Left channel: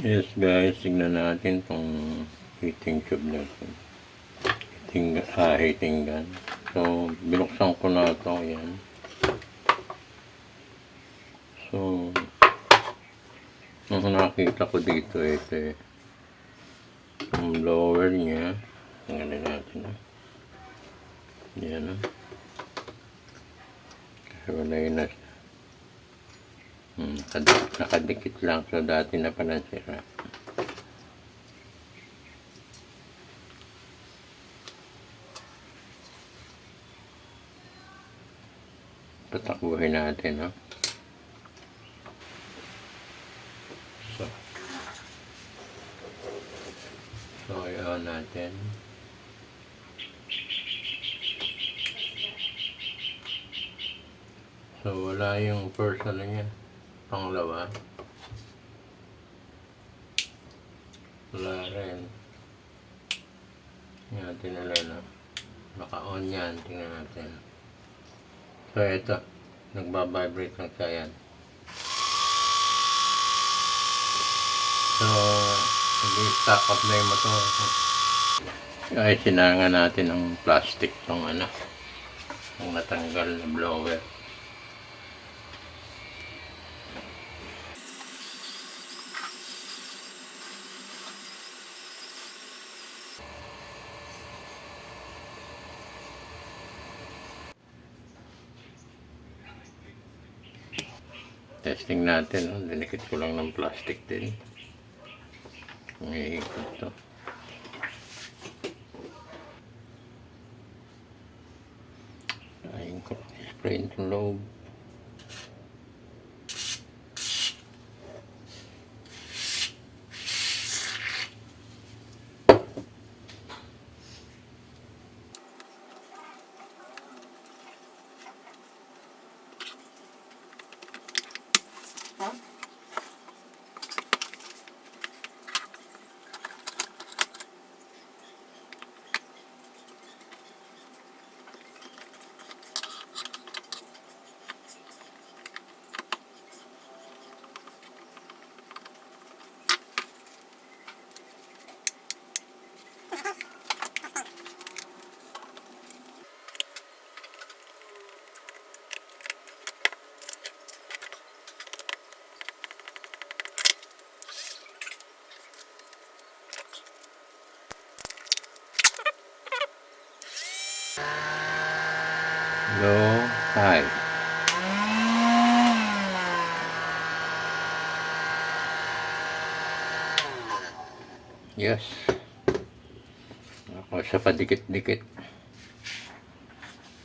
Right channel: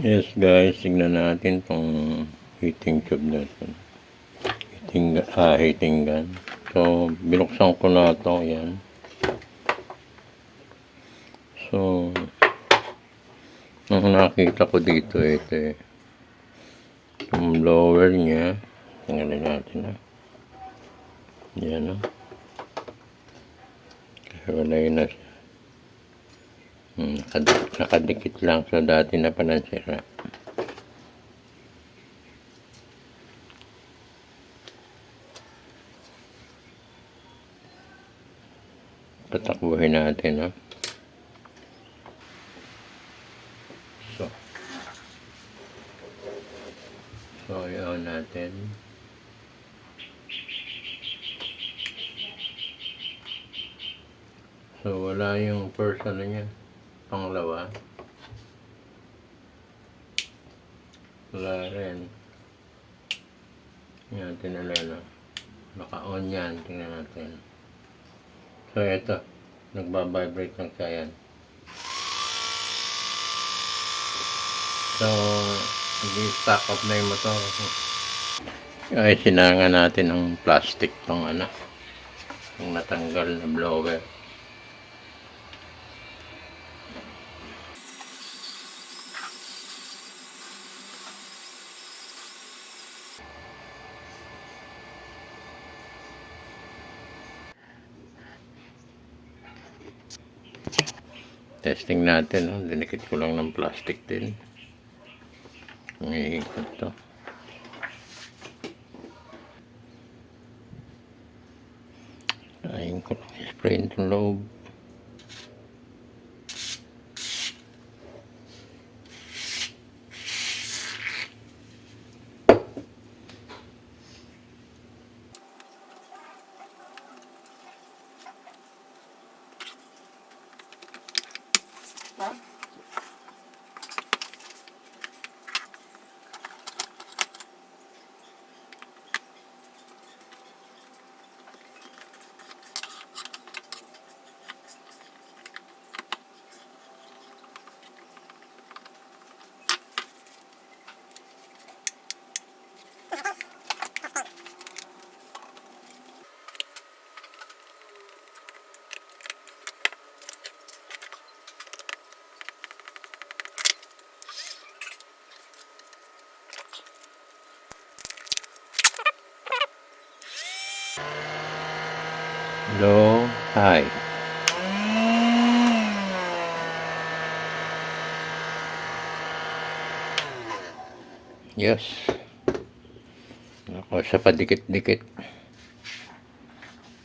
Yes guys, tignan natin tong heating tube natin. Heating gun. So, binuksan ko na ito. Ayan. So, ang nakita ko dito, ito eh. Yung blower niya. Tingnan natin. Ayan. Kasi wala yun na siya. Nakadikit lang. So, dati na pala sira. Patakbuhin natin, no? So, i-on natin. So, wala yung first ano niya. Panglawa. Wala rin. Tingnan natin ulit, no? Naka-on yan. Tingnan natin. So, ito. Nagbabibrate ng siya yan. So, hindi-stack up na yung motor. Ay, sinanga natin ng plastic tong ano. Yung natanggal na blower. Testing natin, no? Dinikit ko lang ng plastic din. Umiikot to. Ayun ko lang spray itong loob. Low, high. Yes. Ako sa padikit-dikit.